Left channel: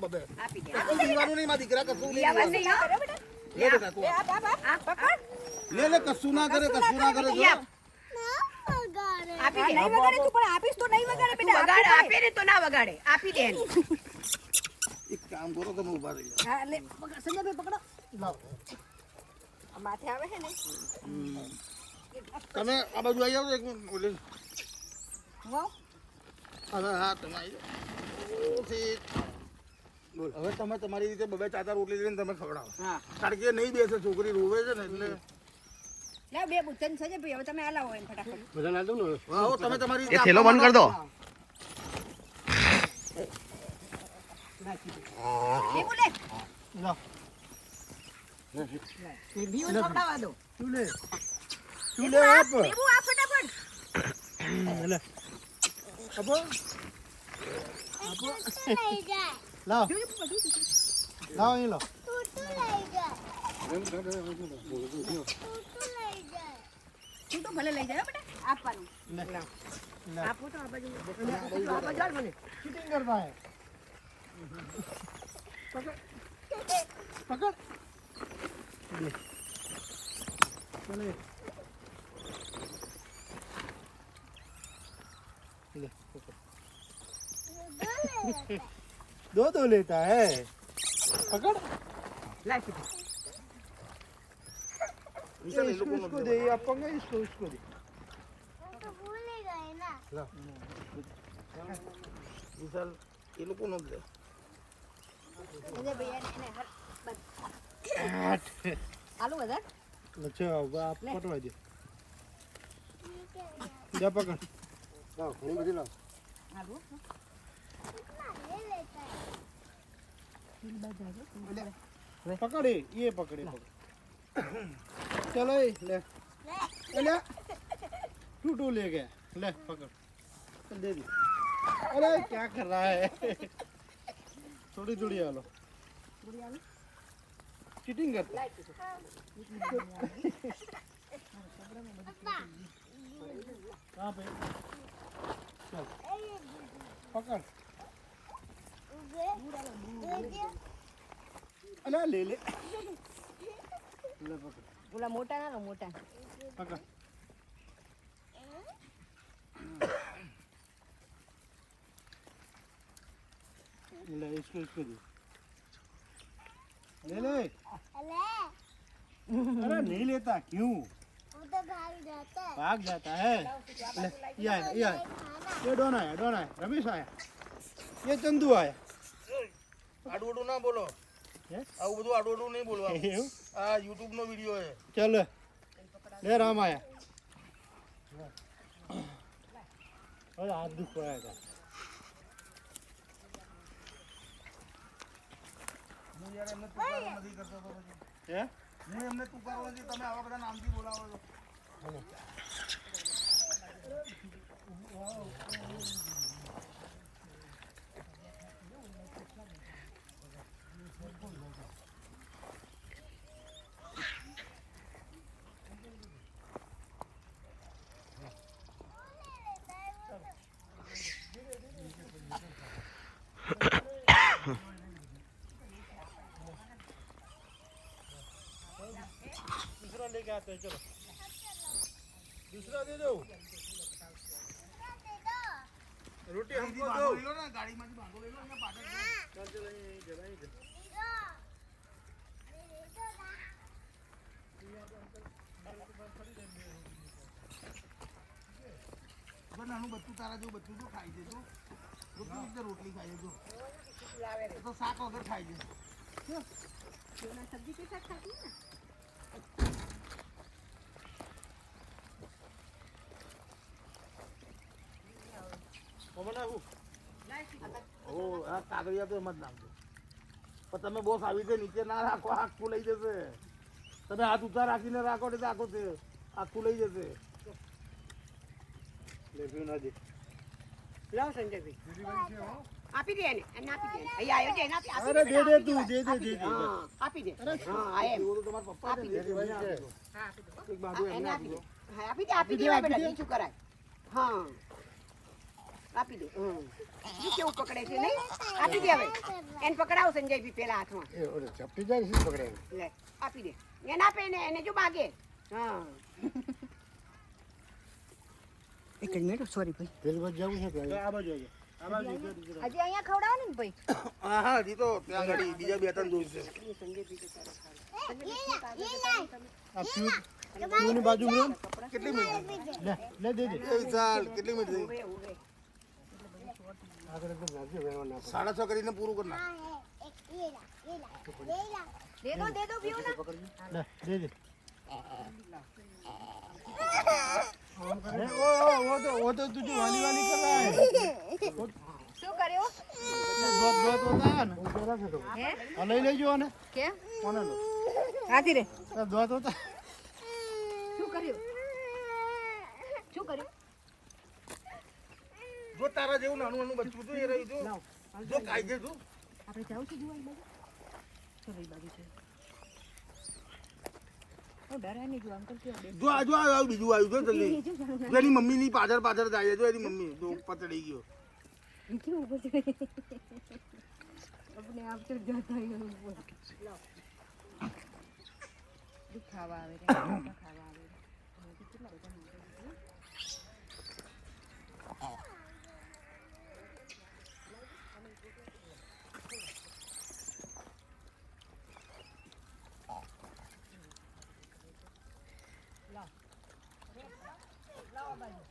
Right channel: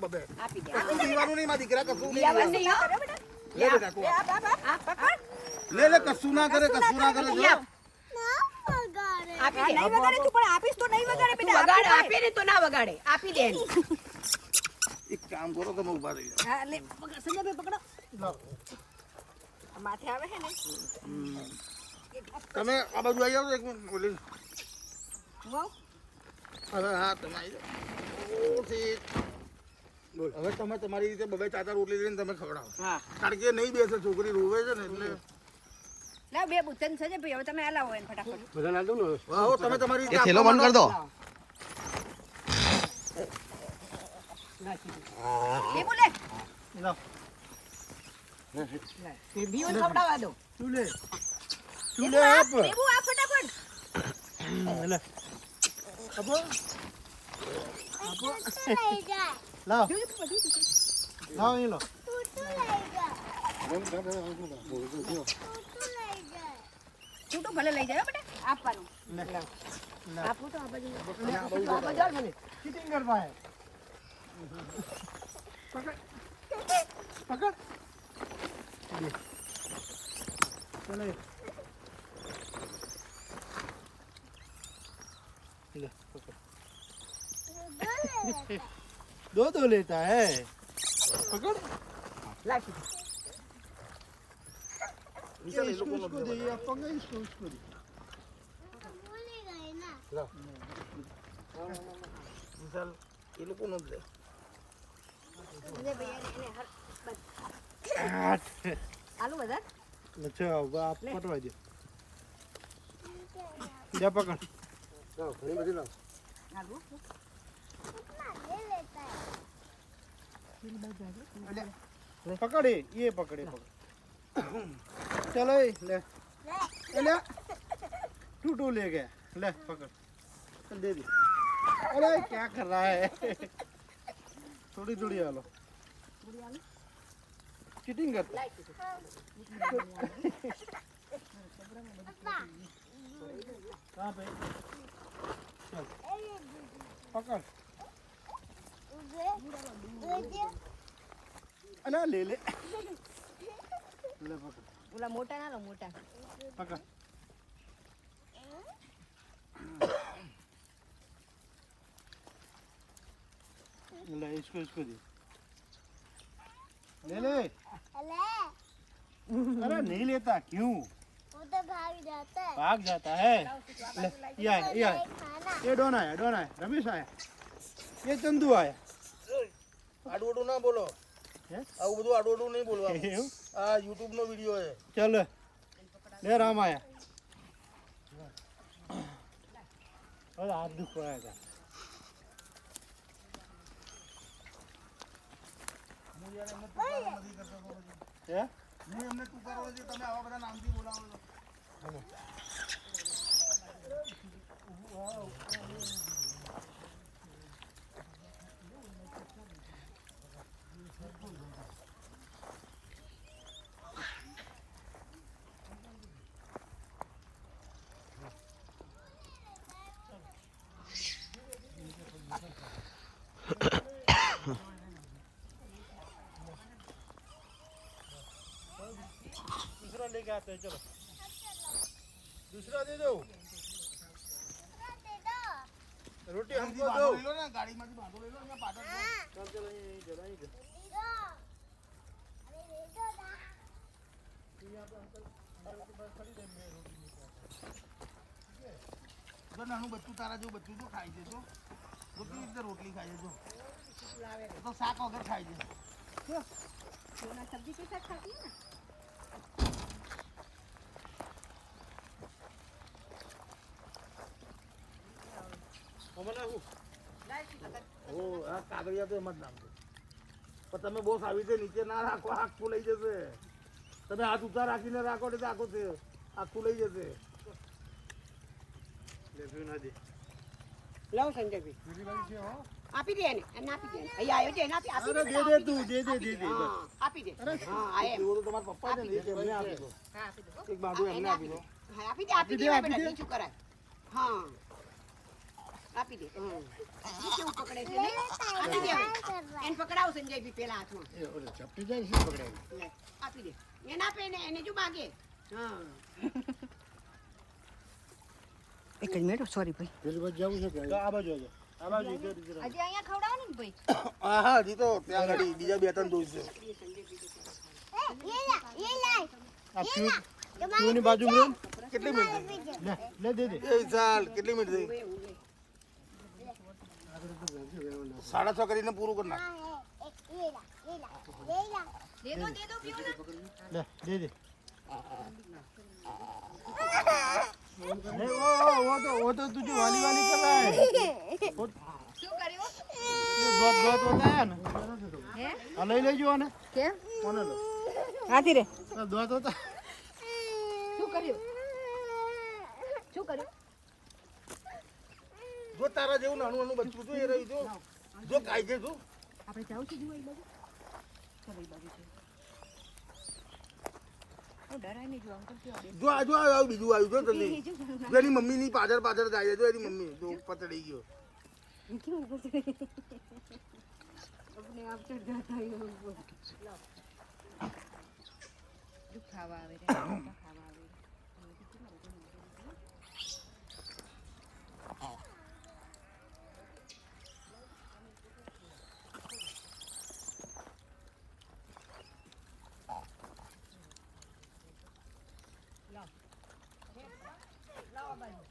બબે આપી દે કશું પીવાનું નહીં મારા દીકરા કશું નહીં પીવાનું નહીં કરો બેટા લે બેટા તું આ પકડ લે કશું ના કરે જો આપી દે નહીં વગાડે તું પણ આપીશ તો નહીં વગાડે બેટા વગાડે આપી દે તો ના વગાડે આપી દે એક કામ કરો તમે ઊભા રહી જાઓ હા લે સંજયભાઈ પકડો માથે આવે છે ને તમે આ બાજુ આવી જાઓ એક મિનિટ બોલી વાવ હવે હા તમે આવી જાઓ બોલ હવે તમે તમારી રીતે બબે ચાચા રોટલી લઈને તમે ખવડાવો હા કારણ કે નહીં બેસે છોકરી રોવે છે ને એટલે લા બે બુચન સંજયભાઈ હવે તમે હલાવો એને ફટાફટ બધા ના દો ને હા તમે તમારી એ થેલો બંધ કર દો એ બોલે ના બીઓ ખવડાવવા દો ચૂલે આપ બેબુ આ ફટાફટ લે આપો લાવ લાવ અહીં લો તું તો ભલે લઈ જાય બેટા આપવાનું આપું તો આ બાજુ ચીટિંગ કરવા હે પકડ ले दो लेता है पकड़ इसको दे आप पकड़ इसको दे विशाल ये लोग कौन दे આલુ બધા अच्छा आप पटवा दे जा पकड़ जाओ नहीं मेरी ला આલુ पकड़े ये पकड़े चलो ले ले टूटू ले गया ले पकड़ चल दे दी अरे क्या कर रहा है थोड़ी थोड़ी आलो चीटिंग करता कहाँ पे चल पकड़ अरे ले ले ले पकड़ બોલા મોટા ના લો મોટા पकड़ ले इसको दे ले ले अरे नहीं लेता क्यों वो तो भाग जाता है ले ये डोन आया रमेश आया ये चंदू आया आडोडू ना बोलो આવું બધું આડોડું નહીં બોલવા આ YouTube નો વિડિયો છે ચાલ લે રામ આયા હવે હાથ દુખવાયા હતા હું યાર એમને તુકારો નથી કરતો તો પછી હે હું એમને તુકારો નથી તમે આવા બધા નામથી બોલાવો છો दूसरा लेके आते हैं चलो दूसरा दे दो रोटी हमको दो लो ना गाड़ी में भागो ले लो यहाँ पाटा चल चल यहीं जरा ही दे નાનું બચ્ચું તારા જેવું બચ્ચું તો ખાઈ છે તો બધું રીતે રોટલી ખાઈ છે તો શાક વગર ખાઈ છે સબ્જી કે સાથ ખાતી ને કાગળિયા તો એમ જ નાખજો પણ તમે બહુ આવી રીતે નીચે ના રાખો આખું લઈ જશે તમે હાથ ઊંચા રાખીને રાખો એટલે આખો છે આખું લઈ જશે લાવ સંજયભાઈ આપી દે એને આપી દે અહીંયા આવ્યો છે એને આપી અરે દે તું દે બસ આપી દે અરે હા એવો તો તમારા પપ્પા છે ને એમને આપી દો હા આપી દો એક બાજુ એમને આપી દો હા આપી દે શું કરાય હા આપી દે ઈ કેવું પકડે છે નહીં આપી દે હવે એને પકડાવ સંજય બી પેલા હાથમાં એ ઓલે ચપટી જાય શું પકડાય લે આપી દે એને આપે એને જો માગે હા એક જ મિનિટ સોરી ભાઈ પેલી બાજુ જવું છે કે આ બાજુ આવજો આ બાજુ જો હજી અહીંયા ખવડાવો ને ભાઈ હા હા જી તો ત્યાં ગાડી બીજા બે ત્રણ દૂર છે આ પીઓની બાજુ માં કેટલી મિનિટ લે લે દે દે એ ચાલ કેટલી મિનિટ થઈ આગળ તો ભાગી વેરવાના 6:30 કરીને પૂરું કર નાખ દે દો પીઓ લે ના દે દે वो तो तुझे वाली वाली कर रहा है શું કર્યો बहुत बहुत होता है ना હે अलग ले जो ने કેમ कौन लो હાથી રે बहुत होता શું કર્યું જો તારા જેવું નાનું નાનું બચ્ચું તો એ રહી જો કાઈ ગઈ તું આપણે જાવ છે જોવા બાજુ ચલો ઈ બાજુ છે ઓ ડરાય નહીં જો અંકલ કેવો દે જો આ બીજું આવ્યું જો જલ્દી જેની મમ્મી ની પાછળ પાછળ ગાય જો એની મમ્મી તો પતડી ગયો કેવું બોલતે अपने आप से जाता ही हम દુખાવા આવે રે લાવ બાજુ